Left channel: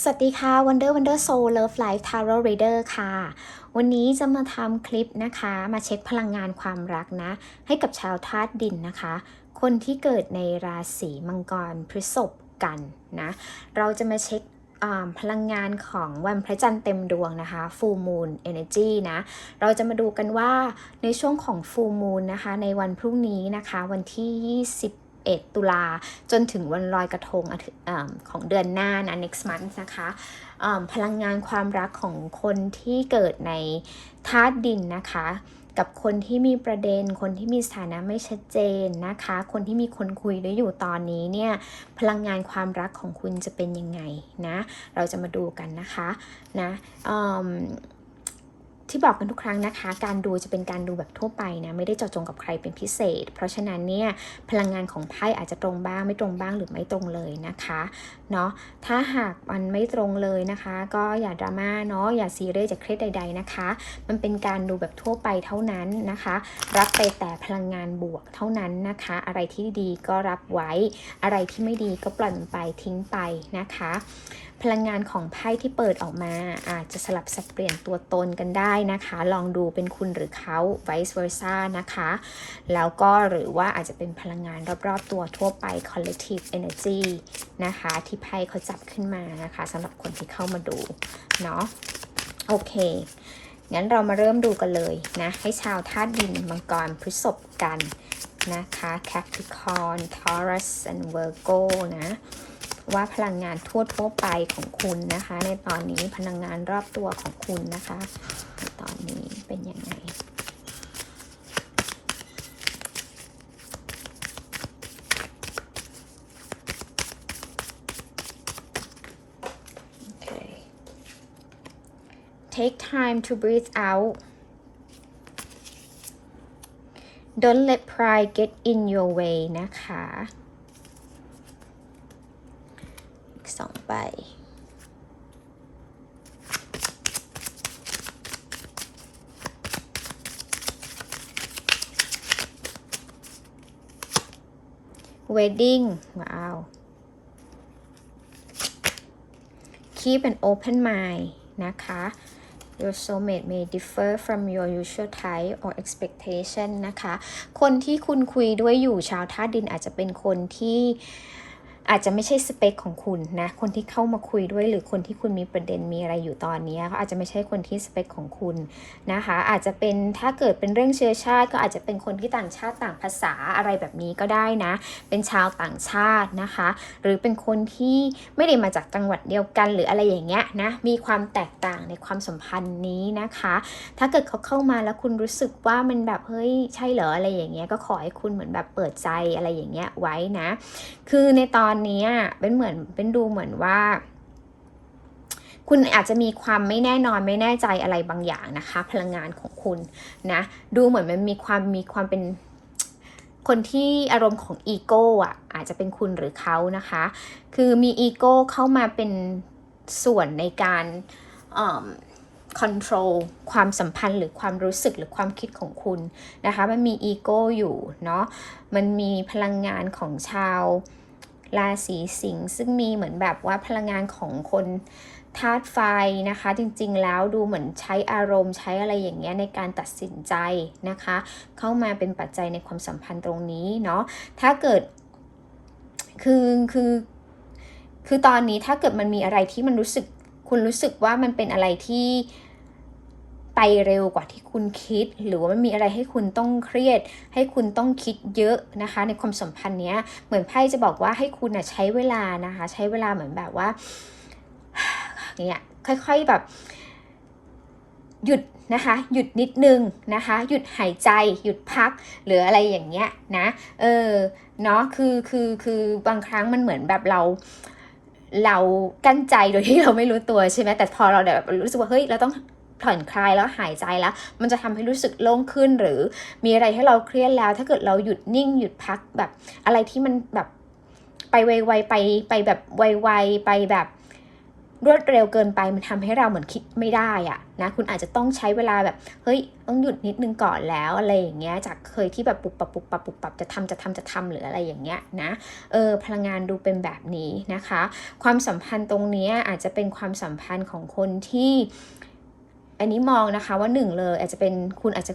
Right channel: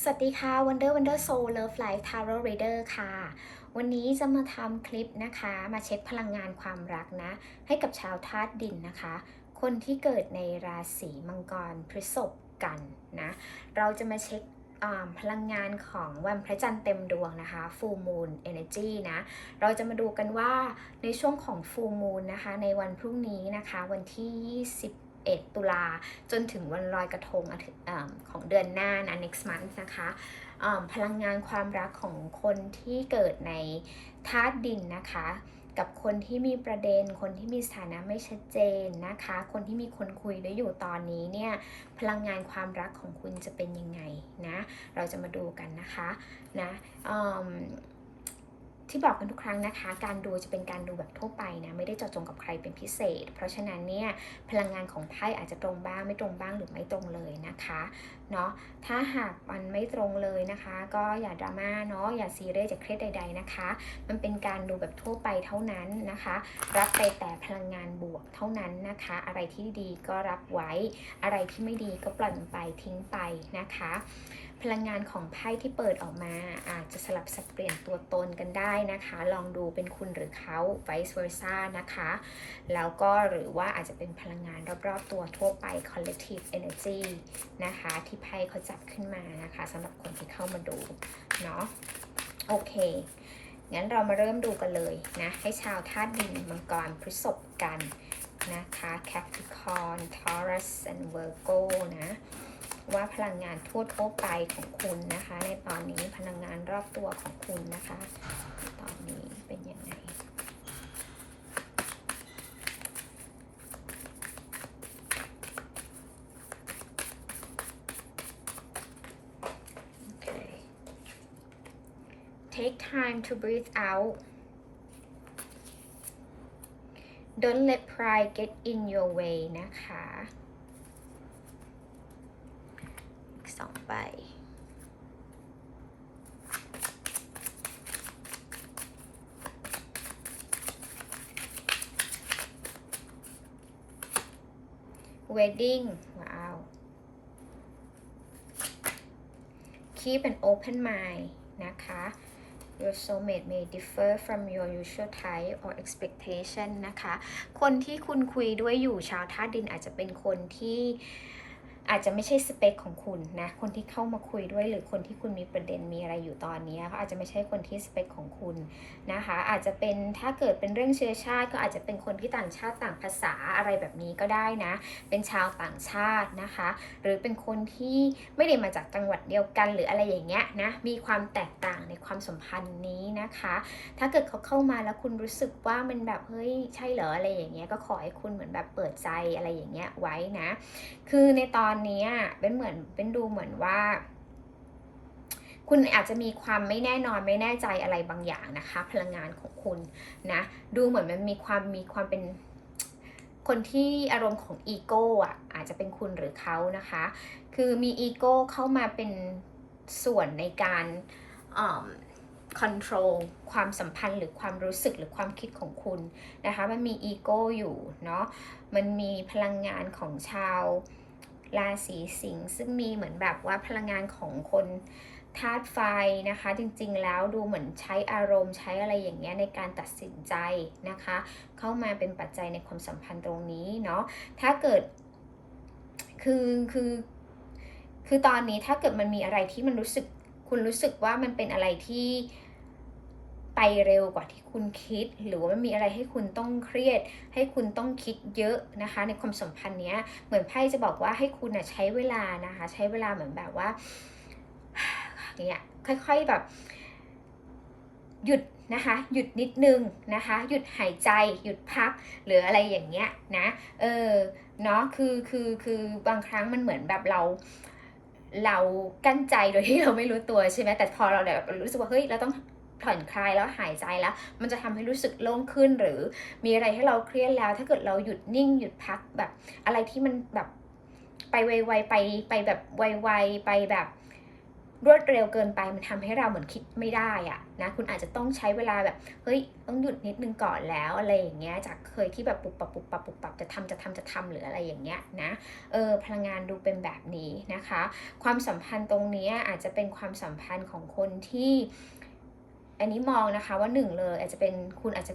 สวัสดีค่ะ Wonder Wonder Soul Love Life Tarot Reader ค่ะ วันนี้จะมาทำคลิปนะคะ มาเช็คพลังงานความรักนะ ให้กับชาวธาตุดินนะคะ คนที่เกิดในราศีมังกรพฤษภกันนะ เราจะมาเช็คพลังงานของวันพระจันทร์เต็มดวงนะคะ Full Moon Energy นะ เราจะมาดูกันว่าในช่วงของ Full Moon นะคะ ในวันพรุ่งนี้นะคะ วันที่ 21ตุลาจนถึงวันลอยกระทงอของเดือนหน้านะ next month นะคะอ่าพลังงานความรักของคนที่เกิดในธาตุดินนะคะ กับคนที่มีประเด็น คนที่มีสถานะไม่ชัดเจนนะคะ คนที่มีคนคุยด้วยอยู่ตอนนี้เนี่ยพลังงานความรักของคุณจะเป็นยังไงนะ เราจะมาดูกันนะคะนะอืม ที่บอกกันทุกครั้งนะคะ การดูจะเป็นการดูแบบทั่วไปนะ ไม่ได้เจาะจงกับใครเป็นพิเศษ เพราะฉะนั้นเนี่ยพลังงานของไพ่อาจจะตรงบ้าง ไม่ตรงบ้างหรือไม่ตรงเลยนะคะเนาะถ้าหากมันไม่ตรงเลยนะคะ ก็อย่าดราม่าเนาะอย่าซีเรียสอย่าเครียดใด ๆนะคะ มันเป็นการดูแบบทั่วไปเท่านั้นนะคะ รับไปแต่พลังงานบวกเท่านั้นนะคะ อะไรที่ดีก็รับไว้อะไรที่ไม่ดีก็ปล่อยไปทิ้งไปนะคะ พลังงานของไพ่ที่เปิดออกมา อาจจะสลับสับเปลี่ยนตัวตนกันได้นะคะ ลองดูเป็นคุณหรือเขา vice versa นะคะ แล้วก็หรือว่าอาจจะเป็นพลังงานรอบๆตัวทั่วไป collective energy นะคะ ที่ไพ่เขาจับขึ้นมานะคะสำหรับคนที่เข้ามาดูเนาะโอเคงั้นเรามาเริ่มดูกันเลยนะ ให้ชาวธาตุดินมังกรพฤษภกันนะคะ Capricorn Taurus and Virgo นะ ว่าพลังงานทั่วทั่วไปของคุณนะคะ ในตอนนี้พลังงานรอบตัวของคุณนะคะในตอนนี้เป็นยังไง Okay. Take time to breathe out. Don't let pride get in your way นะคะ สองใบ Wedding ว้าว keep an open mind นะคะ your soulmate may differ from your usual type or expectation นะคะ คนที่คุณคุยด้วยอยู่ชาวธาตุดินอาจจะเป็นคนที่ อาจจะไม่ใช่สเปคของคุณนะ คนที่เข้ามาคุยด้วยหรือคนที่คุณมีประเด็นมีอะไรอยู่ตอนนี้เขาอาจจะไม่ใช่คนที่สเปคของคุณนะคะ อาจจะเป็นถ้าเกิดเป็นเรื่องเชื้อชาติ ก็อาจจะเป็นคนที่ต่างชาติต่างภาษาอะไรแบบนี้ก็ได้นะ เป็นชาวต่างชาตินะคะ หรือเป็นคนที่ไม่ได้มาจากจังหวัดเดียวกันหรืออะไรอย่างเงี้ยนะ มีความแตกต่างในความสัมพันธ์นี้นะคะ ถ้าเกิดเขาเข้ามาแล้วคุณรู้สึกว่ามันแบบเฮ้ยใช่เหรออะไรอย่างเงี้ยก็ขอให้คุณเหมือนแบบเปิดใจอะไรอย่างเงี้ยไว้นะ คือในตอนนี้เป็นเหมือนเป็นดูเหมือนว่า คุณอาจจะมีความไม่แน่นอนไม่แน่ใจอะไรบางอย่างนะคะ พลังงานของคุณนะดูเหมือนมันมีความมีความเป็นคนที่อารมณ์ของอีโก้อะอาจจะเป็นคุณหรือเขานะคะ คือมีอีโก้เข้ามาเป็นส่วนในการคอนโทรลความสัมพันธ์หรือความรู้สึกหรือความคิดของคุณนะคะ มันมีอีโก้อยู่เนาะมันมีพลังงานของชาว ราศีสิงห์ซึ่งมีเหมือนแบบว่าพลังงานของคนธาตุไฟนะคะ จริงๆแล้วดูเหมือนใช้อารมณ์ใช้อะไรอย่างเงี้ยในการตัดสินใจนะคะ เข้ามาเป็นปัจจัยในความสัมพันธ์ตรงนี้เนาะถ้าเกิดคือคือคือตอนนี้ถ้าเกิดมันมีอะไรที่มันรู้สึกคุณรู้สึกว่ามันเป็นอะไรที่ เร็วกว่าที่คุณคิด หรือว่ามันมีอะไรให้คุณต้องเครียด ให้คุณต้องคิดเยอะนะคะ ในความสัมพันธ์เนี้ยเหมือนไพ่จะบอกว่าให้คุณนะใช้เวลานะคะ ใช้เวลาเหมือนแบบว่าเนี่ยค่อยๆแบบ หยุดนะคะหยุดนิดนึงนะคะ หยุดหายใจหยุดพักหรืออะไรอย่างเงี้ยนะเออเนาะคือคือคือบางครั้งมันเหมือนแบบเราเรากั้นใจโดยที่เราไม่รู้ตัวใช่ไหมแต่พอเราแบบรู้สึกว่าเฮ้ยเราต้อง ผ่อนคลายแล้วหายใจแล้ว มันจะทำให้รู้สึกโล่งขึ้นหรือมีอะไรให้เราเครียดแล้ว ถ้าเกิดเราหยุดนิ่งหยุดพักแบบอะไรที่มันแบบไปไวๆไปไปแบบไวๆไปแบบรวดเร็วเกินไปมันทำให้เราเหมือนคิดไม่ได้อะนะคุณอาจจะต้องใช้เวลาแบบเฮ้ยต้องหยุดนิดนึงก่อนแล้วอะไรอย่างเงี้ยจากเคยที่แบบปุบปับปุบปับปุบปับจะทำจะทำจะทำหรืออะไรอย่างเงี้ยนะเออพลังงานดูเป็นแบบนี้นะคะ ความสัมพันธ์ตรงนี้อาจจะเป็นความสัมพันธ์ของคนที่ อันนี้มองนะคะว่าหนึ่งเลยอาจจะเป็นคุณอาจจะ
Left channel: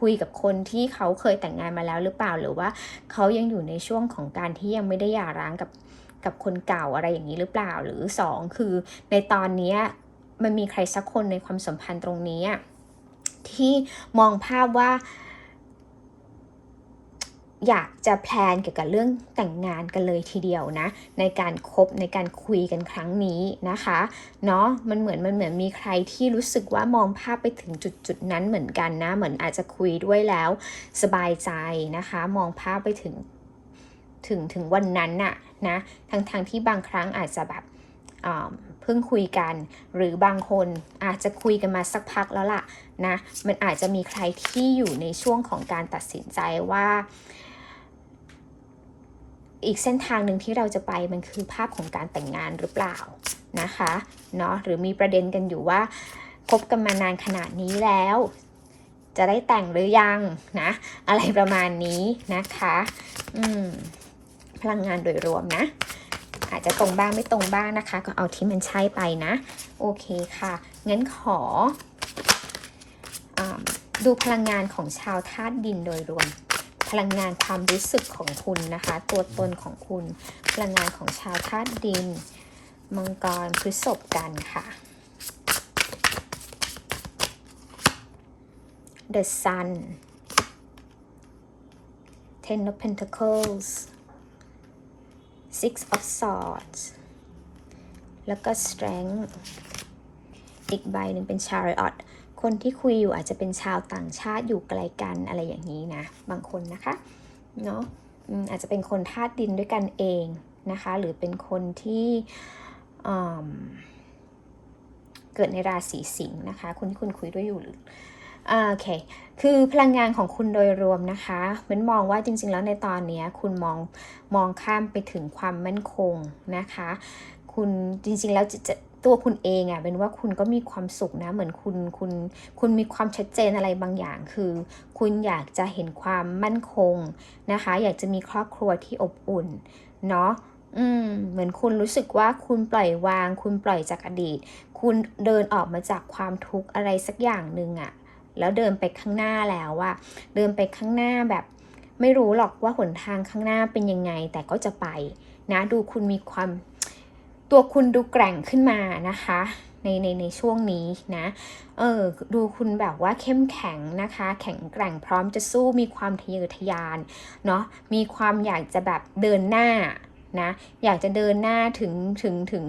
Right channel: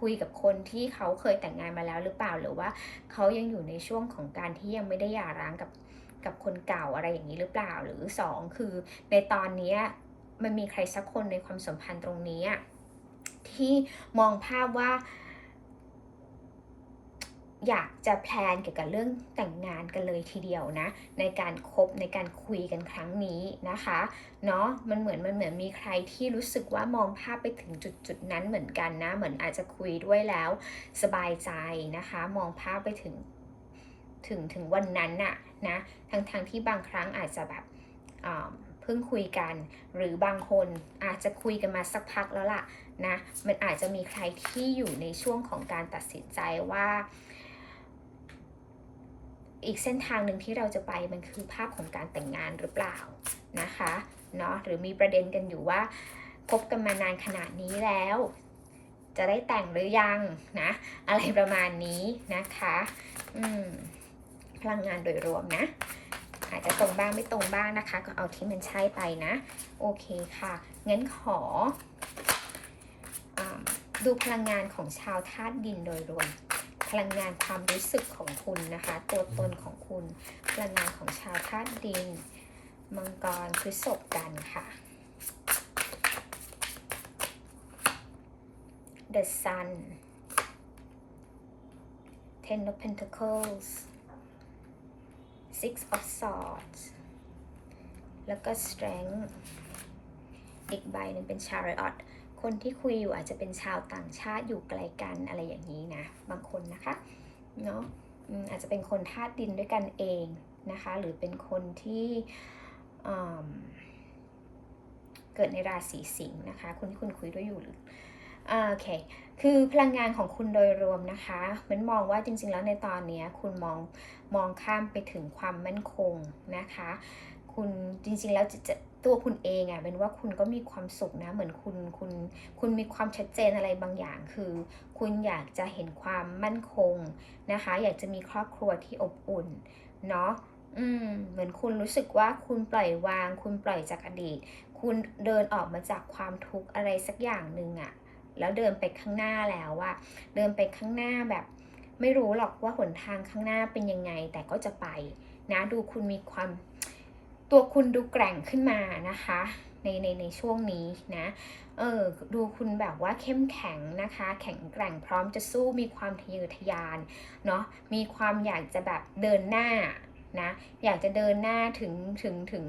คุยกับคนที่เขาเคยแต่งงานมาแล้วหรือเปล่าหรือว่าเขายังอยู่ในช่วงของการที่ยังไม่ได้หย่าร้างกับกับคนเก่าอะไรอย่างนี้หรือเปล่าหรือสองคือในตอนนี้มันมีใครสักคนในความสัมพันธ์ตรงนี้ที่มองภาพว่า อยากจะแพลนเกี่ยวกับเรื่องแต่งงานกันเลยทีเดียวนะ ในการคบในการคุยกันครั้งนี้นะคะเนาะมันเหมือนมันเหมือนมีใครที่รู้สึกว่ามองภาพไปถึงจุดจุดนั้นเหมือนกันนะ เหมือนอาจจะคุยด้วยแล้วสบายใจนะคะ มองภาพไปถึงถึงถึงวันนั้นน่ะนะทั้งทางที่บางครั้งอาจจะแบบเพิ่งคุยกัน หรือบางคนอาจจะคุยกันมาสักพักแล้วล่ะนะมันอาจจะมีใครที่อยู่ในช่วงของการตัดสินใจว่า อีกเส้นทางหนึ่งที่เราจะไปมันคือภาพของการแต่งงานหรือเปล่านะคะเนาะหรือมีประเด็นกันอยู่ว่าคบกันมานานขนาดนี้แล้ว จะได้แต่งหรือยังนะอะไรประมาณนี้นะคะอืมพลังงานโดยรวมนะ อาจจะตรงบ้างไม่ตรงบ้างนะคะ ก็เอาที่มันใช่ไปนะ โอเคค่ะงั้นขออดูพลังงานของชาวธาตุดินโดยรวม พลังงานความรู้สึกของคุณนะคะ ตัวตนของคุณ พลังงานของชาวธาตุดิน มังกรพฤษภกันค่ะ The Sun Ten of Pentacles Six of Swords แล้วก็ Strength อีกใบหนึ่งเป็น Chariot คนที่คุยอยู่อาจจะเป็นชาวต่างชาติอยู่ไกลกันอะไรอย่างนี้นะ บางคนนะคะเนาะอาจจะเป็นคนธาตุดินด้วยกันเองนะคะ หรือเป็นคนที่อืมเกิดในราศีสิงห์นะคะ คนที่คุณคุยด้วยอยู่โอเค คือพลังงานของคุณโดยรวมนะคะมันมองว่าจริงๆ แล้วในตอนนี้คุณมองมองข้ามไปถึงความมั่นคงนะคะ คุณจริงๆ แล้วจะจะ ตัวคุณเองอะ่ะเป็นว่าคุณก็มีความสุขนะ เหมือนคุณคุณคุณมีความชัดเจนอะไรบางอย่าง คือ คุณอยากจะเห็นความมั่นคงนะคะ อยากจะมีครอบครัวที่อบอุ่นเนาะอืมเหมือนคุณรู้สึกว่าคุณปล่อยวาง คุณปล่อยจากอดีต คุณเดินออกมาจากความทุกข์อะไรสักอย่างหนึ่งอะแล้วเดินไปข้างหน้าแล้วอะเดินไปข้างหน้าแบบไม่รู้หรอกว่าหนทางข้างหน้าเป็นยังไง แต่ก็จะไปนะดูคุณมีความ ตัวคุณดูแกร่งขึ้นมานะคะในในในช่วงนี้นะ เออ ดูคุณแบบว่าเข้มแข็งนะคะ แข็งแกร่งพร้อมจะสู้มีความทะเยอทะยาน เนาะ มีความอยากจะแบบเดินหน้านะ อยากจะเดินหน้าถึงถึงถึง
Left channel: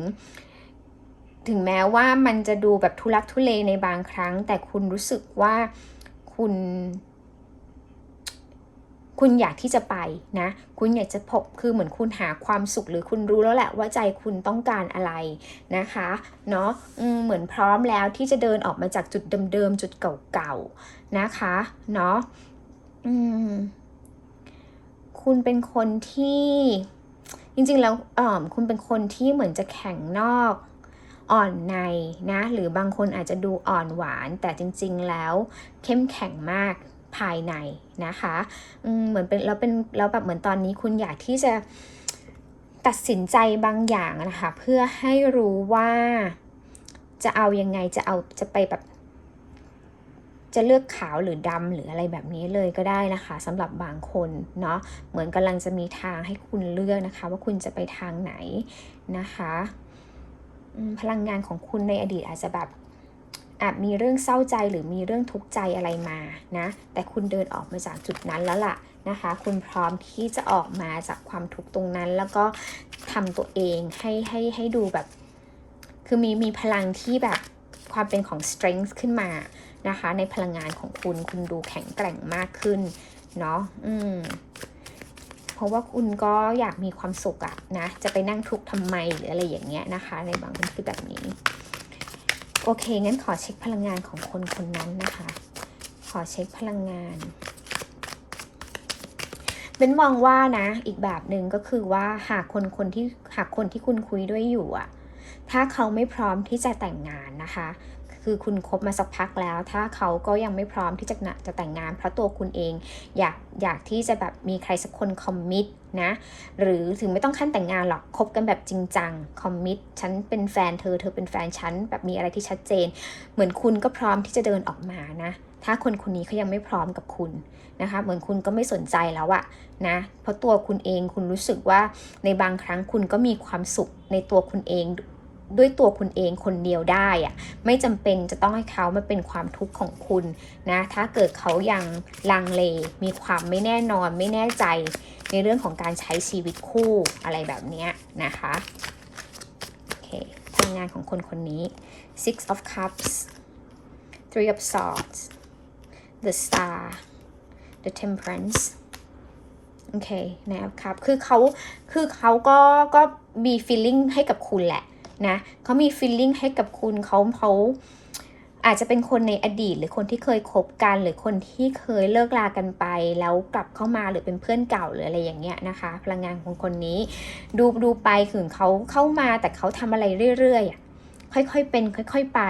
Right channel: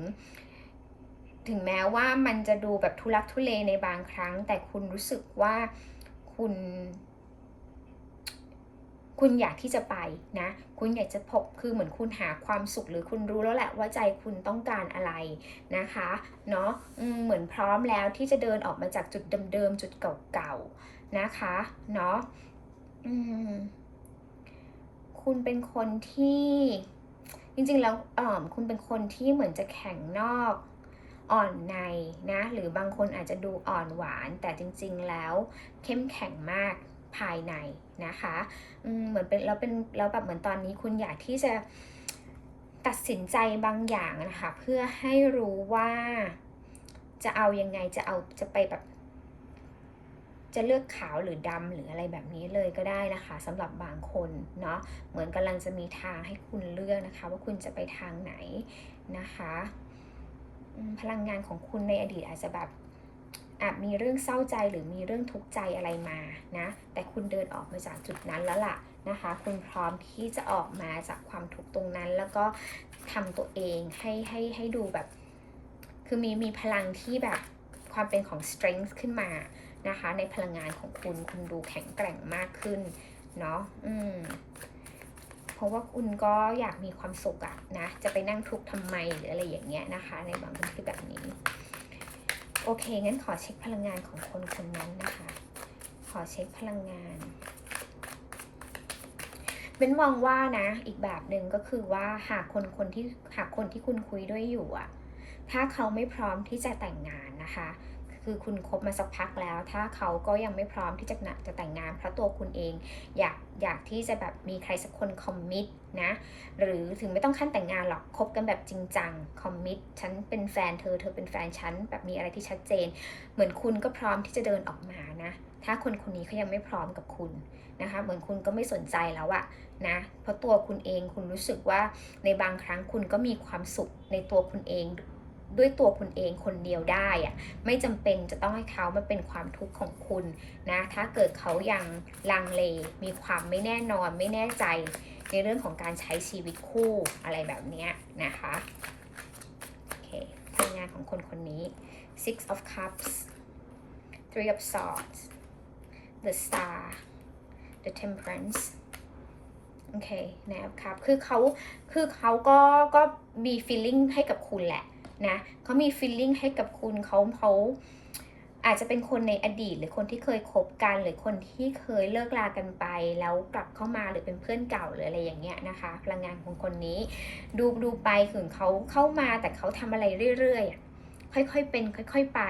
ถึงแม้ว่ามันจะดูแบบทุลักทุเลในบางครั้ง แต่คุณรู้สึกว่าคุณ คุณอยากที่จะไปนะ คุณอยากจะพบคือเหมือนคุณหาความสุขหรือคุณรู้แล้วแหละว่าใจคุณต้องการอะไรนะคะเนาะเหมือนพร้อมแล้วที่จะเดินออกมาจากจุดเดิมๆจุดเก่าๆนะคะเนาะคุณเป็นคนที่จริงๆแล้วคุณเป็นคนที่เหมือนจะแข็งนอกอ่อนในนะ หรือบางคนอาจจะดูอ่อนหวาน แต่จริงๆแล้วเข้มแข็งมาก ภายในนะคะเหมือนเป็นแล้วเป็นแล้วแบบเหมือนตอนนี้คุณอยากที่จะตัดสินใจบางอย่างนะคะเพื่อให้รู้ว่าจะเอายังไงจะเอาจะไปแบบ จะเลือกขาวหรือดำหรืออะไรแบบนี้เลยก็ได้นะคะสำหรับบางคนเนาะเหมือนกำลังจะมีทางให้คุณเลือกนะคะ ว่าคุณจะไปทางไหนนะคะ พลังงานของคุณในอดีตอาจจะแบบ อาจมีเรื่องเศร้าใจหรือมีเรื่องทุกข์ใจอะไรมานะแต่คุณเดินออกมาจากจุดนั้นแล้วล่ะนะคะ คุณพร้อมที่จะออกมาจากความทุกข์ตรงนั้น แล้วก็ทำตัวเองให้ให้ให้ดูแบบ คือมีมีพลังที่แบบความเป็นของ strength ขึ้นมานะคะ ในพลังงานของคุณคุณดูแข็งแกร่งมากขึ้นเนาะอืมเพราะว่าคุณก็อยากมีความสุขอะนะ จะไปนั่งทุกข์ทำไมหรืออะไรอย่างเงี้ยนะคะ ในบางคนคือแบบนี้ โอเค งั้นขอเช็คพลังงานของคนคนนั้นนะคะ ขอเช็คพลังงานเป็นมองว่านะ อีกแบบหนึ่งก็คือว่าหากคนคนที่หากคนที่คุณคุยด้วยอยู่อะถ้าเขาไม่พร้อมที่จะแต่งงานนะคะ คือคุณคบมาสักพักแล้ว ถ้าเขาก็ยังไม่พร้อมที่จะนะจะแต่งงาน เพราะตัวคุณเองอยากอยากที่จะแบบมีใครสักคนคอมมิตนะหรือถึงไม่ต้องขั้นแต่งงานหรอกคบกันแบบจริงจังคอมมิตฉันเป็นแฟนเธอเธอเป็นแฟนฉันแบบมีอะไรที่ชัดเจน เหมือนคุณก็พร้อมที่จะเดินออกมานะถ้าคนคนนี้เขายังไม่พร้อมกับคุณนะคะเหมือนคุณก็ไม่สนใจแล้วอะนะเพราะตัวคุณเองคุณรู้สึกว่าในบางครั้งคุณก็มีความสุขในตัวคุณเอง ด้วยตัวคุณเองคนเดียวได้อะไม่จำเป็นจะต้องให้เขามาเป็นความทุกข์ของคุณนะถ้าเกิดเขายังลังเล มีความไม่แน่นอนไม่แน่ใจในเรื่องของการใช้ชีวิตคู่อะไรแบบนี้นะคะโอเคทำงานของคนคนนี้ six of cups three of swords the star the temperance โอเคนะครับคือเขาคือเขาก็ก็มี feeling ให้กับคุณแหละ นะเขามี feeling ให้กับคุณเขาเขาอาจจะเป็นคนในอดีต หรือคนที่เคยคบกัน หรือคนที่เคยเลิกลากันไป แล้วกลับเข้ามาหรือเป็นเพื่อนเก่าหรืออะไรอย่างเงี้ยนะคะ พลังงานของคนนี้ ดูดูไปถึงเขาเข้ามาแต่เขาทำอะไรเรื่อยๆค่อยๆเป็นค่อย ๆไป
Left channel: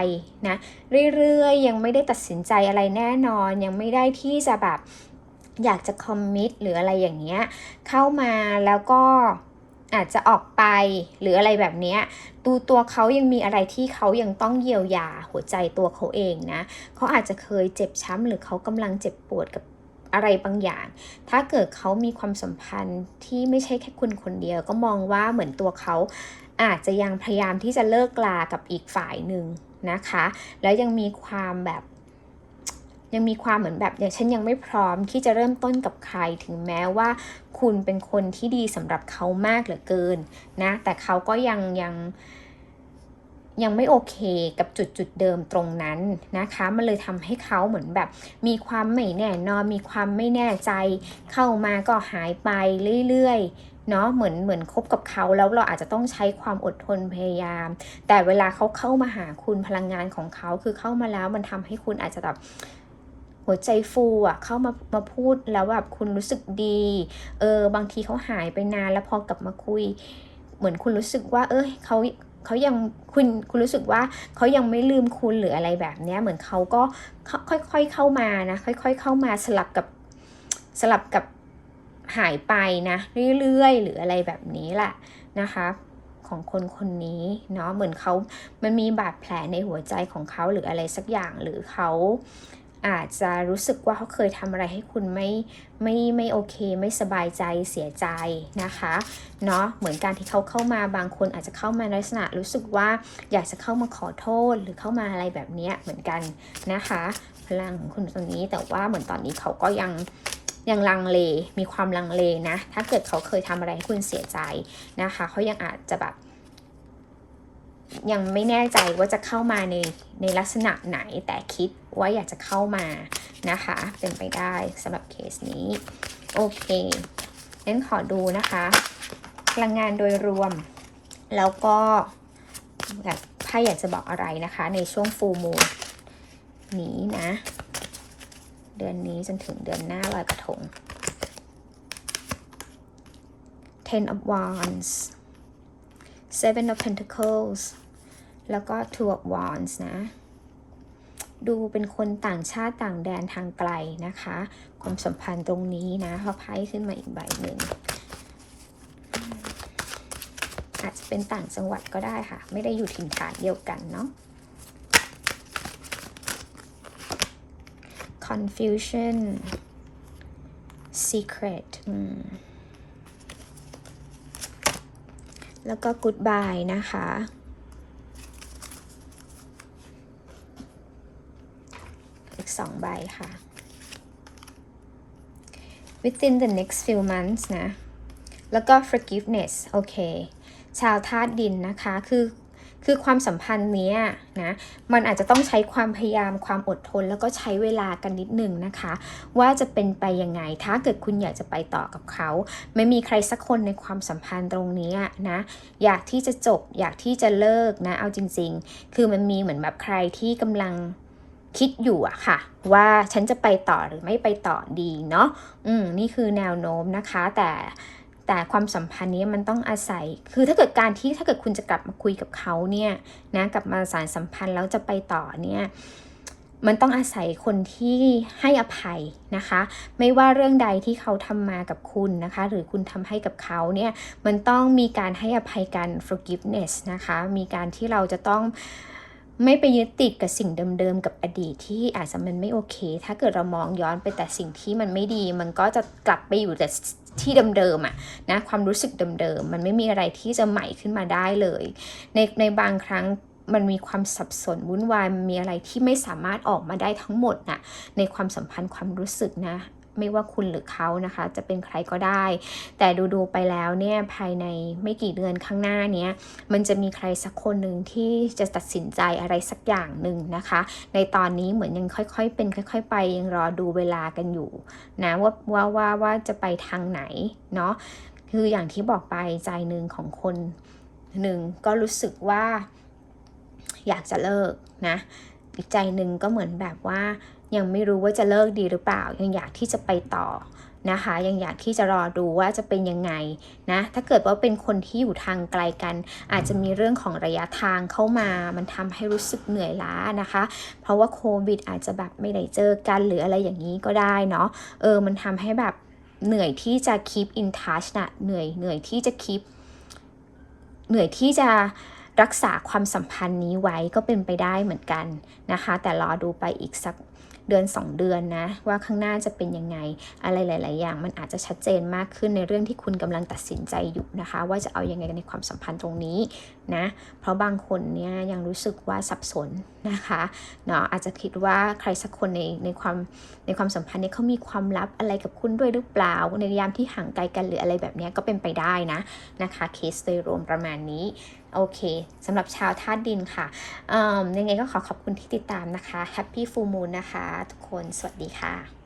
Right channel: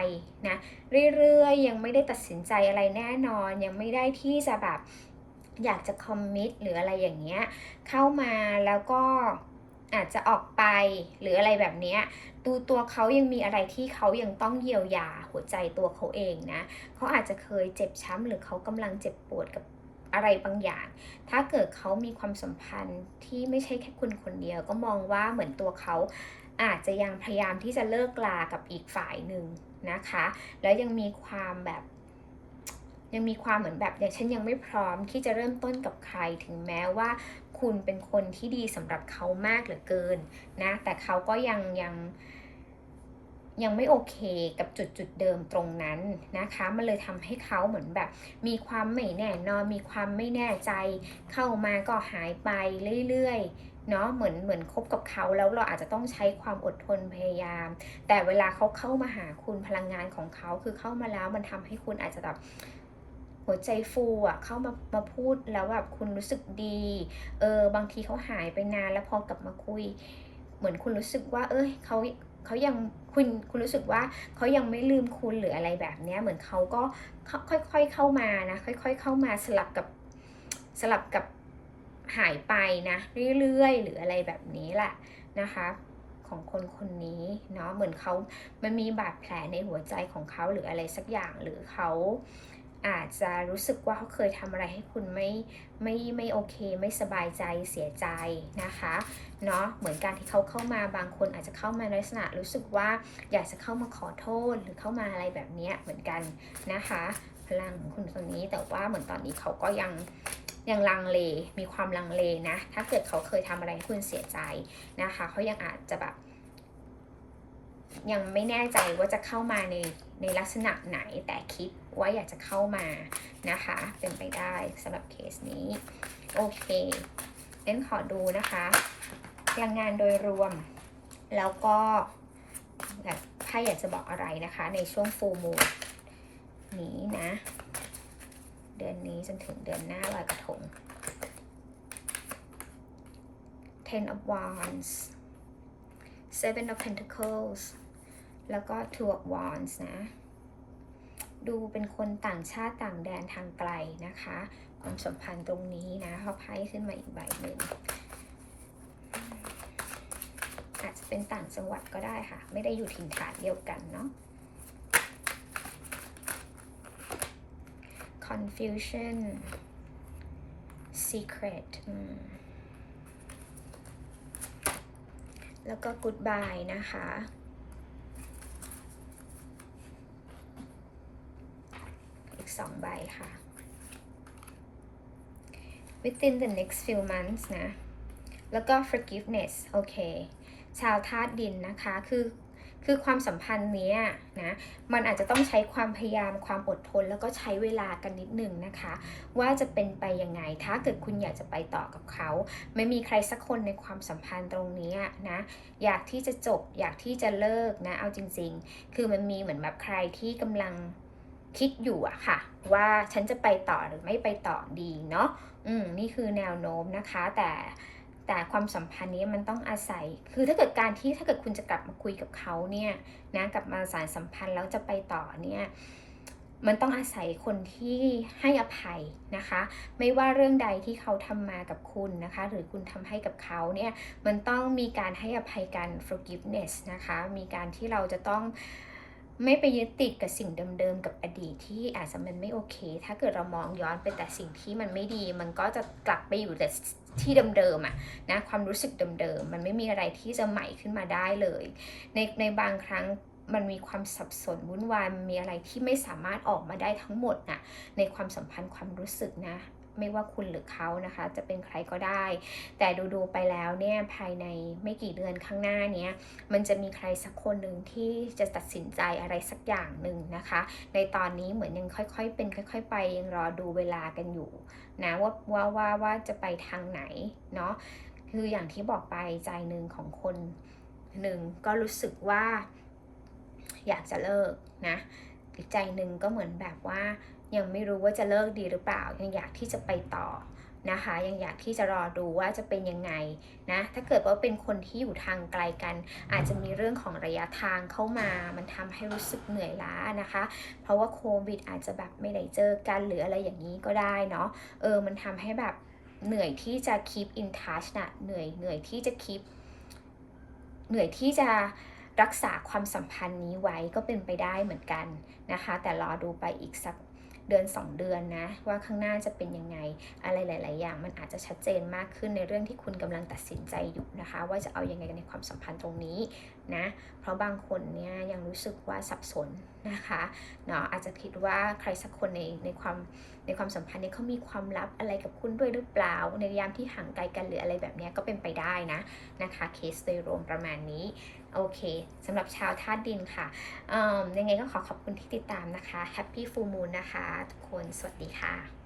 นะเรื่อยๆ ยังไม่ได้ตัดสินใจอะไรแน่นอน ยังไม่ได้ที่จะแบบอยากจะคอมมิตหรืออะไรอย่างเงี้ยเข้ามาแล้วก็ อาจจะออกไปหรืออะไรแบบนี้ดูตัวเขายังมีอะไรที่เขายังต้องเยียวยาหัวใจตัวเขาเองนะเขาอาจจะเคยเจ็บช้ำหรือเขากำลังเจ็บปวดกับอะไรบางอย่าง ถ้าเกิดเขามีความสัมพันธ์ที่ไม่ใช่แค่คุณคนเดียว ก็มองว่าเหมือนตัวเขาอาจจะยังพยายามที่จะเลิกลากับอีกฝ่ายหนึ่งนะคะ แล้วยังมีความแบบยังมีความเหมือนแบบอย่างฉันยังไม่พร้อมที่จะเริ่มต้นกับใครถึงแม้ว่า คุณเป็นคนที่ดีสำหรับเขามากเหลือเกินนะแต่เขาก็ยังยังยังไม่โอเคกับจุดจุดเดิมตรงนั้นนะคะ มันเลยทำให้เขาเหมือนแบบ มีความไม่แน่นอนมีความไม่แน่ใจ เข้ามาก็หายไปเรื่อยๆเนาะเหมือนเหมือนคบกับเขาแล้วเราอาจจะต้องใช้ความอดทนพยายาม แต่เวลาเขาเข้ามาหาคุณพลังงานของเขาคือเข้ามาแล้วมันทำให้คุณอาจจะแบบ หัวใจฟูอะเข้ามามาพูดแล้วแบบคุณรู้สึกดี เออบางทีเขาหายไปนานแล้วพอกลับมาคุย เหมือนคุณรู้สึกว่า เอ้ยเขาเขายังคุณคุณรู้สึกว่าเขายังไม่ลืมคุณหรืออะไรแบบเนี้ยเหมือนเขาก็ค่อยๆเข้ามานะค่อย ๆ เข้ามาสลับกับสลับกับหายไปนะเรื่อยๆ หรืออะไรแบบนี้แหละนะคะของคนคนนี้เนาะเหมือนเขามันมีบาดแผลในหัวใจของเขาหรืออะไรสักอย่างหรือเขา อาจจะรู้สึกว่าเขาเคยทำอะไรให้คุณไม่ไม่ไม่โอเค ไม่สบายใจเสียใจนะคะเนาะเหมือนการที่เขาเข้ามาบางคนอาจจะเข้ามาในลักษณะรู้สึกว่าอยากจะเข้ามาขอโทษหรือเข้ามาอะไรแบบนี้เหมือนกันนะคะ พลังของคุณตรงนี้แต่ว่าเหมือนตอนนี้เขาก็ยังยังลังเล มีความลังเลนะ ถ้าเกิดเขาเคยทำอะไรให้คุณเสียใจนะคะ เขายังอาจจะแบบ ยังไม่แน่ใจว่าจะเข้ามาในในลักษณะไหนแต่คิดว่าอยากจะเข้ามานะคะ เป็นไปได้สำหรับเคสนี้ โอเคงั้นขอดูนะคะพลังงานโดยรวม แล้วก็แบบถ้าอยากจะบอกอะไรนะคะ ในช่วงฟูมูนี้นะ เดือนนี้จนถึงเดือนหน้าลอยกระทง Ten of Wands Seven of Pentacles แล้วก็ Two of Wands นะ ดูเป็นคนต่างชาติต่างแดนทางไกลนะคะ ความสัมพันธ์ตรงนี้นะเขาไพ่ขึ้นมาอีกใบหนึ่งอาจจะเป็นต่างจังหวัดก็ได้ค่ะ ไม่ได้อยู่ถิ่นฐานเดียวกันเนาะ confusion secret แล้วก็ goodbye นะคะ อีกสองใบค่ะ within the next few months นะ แล้วก็ forgiveness โอเค ชาวธาตุดินนะคะ คือ คือความสัมพันธ์เนี้ยนะ มันอาจจะต้องใช้ความพยายาม ความอดทน แล้วก็ใช้เวลากันนิดหนึ่งนะคะ ว่าจะเป็นไปยังไง ถ้าเกิดคุณอยากจะไปต่อกับเขา ไม่มีใครสักคนในความสัมพันธ์ตรงนี้นะ อยากที่จะจบ อยากที่จะเลิกนะ เอาจริง ๆ คือมันมีเหมือนแบบใครที่กำลัง คิดอยู่อะค่ะ ว่าฉันจะไปต่อหรือไม่ไปต่อดีเนาะอืมนี่คือแนวโน้มนะคะ แต่แแต่ความสัมพันธ์นี้มันต้องอาศัย คือถ้าเกิดการที่ถ้าเกิดคุณจะกลับมาคุยกับเขาเนี่ยนะกลับมาสารสัมพันธ์แล้วจะไปต่อเนี่ยมันต้องอาศัยคนที่ให้อภัยนะคะ ไม่ว่าเรื่องใดที่เขาทำมากับคุณนะคะ หรือคุณทำให้กับเขาเนี่ยมันต้องมีการให้อภัยกัน forgiveness นะคะ มีการที่เราจะต้อง ไม่ไปยึดติดกับสิ่งเดิมๆ กับอดีตที่อาจจะมันไม่โอเค ถ้าเกิดเรามองย้อนไปแต่สิ่งที่มันไม่ดี มันก็จะกลับไปอยู่แต่ที่เดิมๆอะนะความรู้สึกเดิมๆ มันไม่มีอะไรที่จะใหม่ขึ้นมาได้เลย ในในบางครั้งมันมีความสับสนวุ่นวายมีอะไรที่ไม่สามารถออกมาได้ทั้งหมดน่ะในความสัมพันธ์ความรู้สึกนะ ไม่ว่าคุณหรือเขานะคะ จะเป็นใครก็ได้ แต่ดูๆไปแล้วเนี่ยภายในไม่กี่เดือนข้างหน้าเนี้ยมันจะมีใครสักคนหนึ่งที่จะตัดสินใจอะไรสักอย่างหนึ่งนะคะ ในตอนนี้เหมือนยังค่อยๆ เป็นค่อย ๆ ไปยังรอดูเวลากันอยู่นะว่าว่าว่าว่าจะไปทางไหนเนาะคืออย่างที่บอกไปใจหนึ่งของคนหนึ่งก็รู้สึกว่าอยากจะเลิกนะอีกใจหนึ่งก็เหมือนแบบว่า ยังไม่รู้ว่าจะเลิกดีหรือเปล่า ยังอยากที่จะไปต่อนะคะ ยังอยากที่จะรอดูว่าจะเป็นยังไงนะ ถ้าเกิดว่าเป็นคนที่อยู่ทางไกลกัน อาจจะมีเรื่องของระยะทางเข้ามา มันทำให้รู้สึกเหนื่อยล้านะคะ เพราะว่าโควิดอาจจะแบบไม่ได้เจอกันหรืออะไรอย่างนี้ก็ได้เนาะ เออ มันทำให้แบบเหนื่อยที่จะ keep in touch นะเหนื่อย เหนื่อยที่จะ keep เหนื่อยที่จะรักษาความสัมพันธ์นี้ไว้ก็เป็นไปได้เหมือนกันนะคะ แต่รอดูไปอีกสัก เดือน 2 เดือนนะว่าข้างหน้าจะเป็นยังไง อะไรหลาย ๆ อย่าง มันอาจจะชัดเจนมากขึ้นในเรื่องที่คุณกำลังตัดสินใจอยู่นะคะ ว่าจะเอาอยัางไงในความสัมพันธ์ตรงนี้ นะ เพราะบางคนเนี่ยยังรู้สึกว่าสับสนนะคะเนาะอาจจะคิดว่าใครสักคนในในความในความสัมพันธ์เนี่ยเขามีความลับอะไรกับคุณด้วยหรือเปล่า ในยามที่ห่างไกลกันหรืออะไรแบบเนี้ยก็เป็นไปได้นะนะคะเคสโดยรวมประมาณนี้โอเคสำหรับชาวธาตุดินค่ะอืมยังไงก็ขอขอบคุณที่ติดตามนะคะ Happy Full Moon นะคะ ทุกคนสวัสดีค่ะ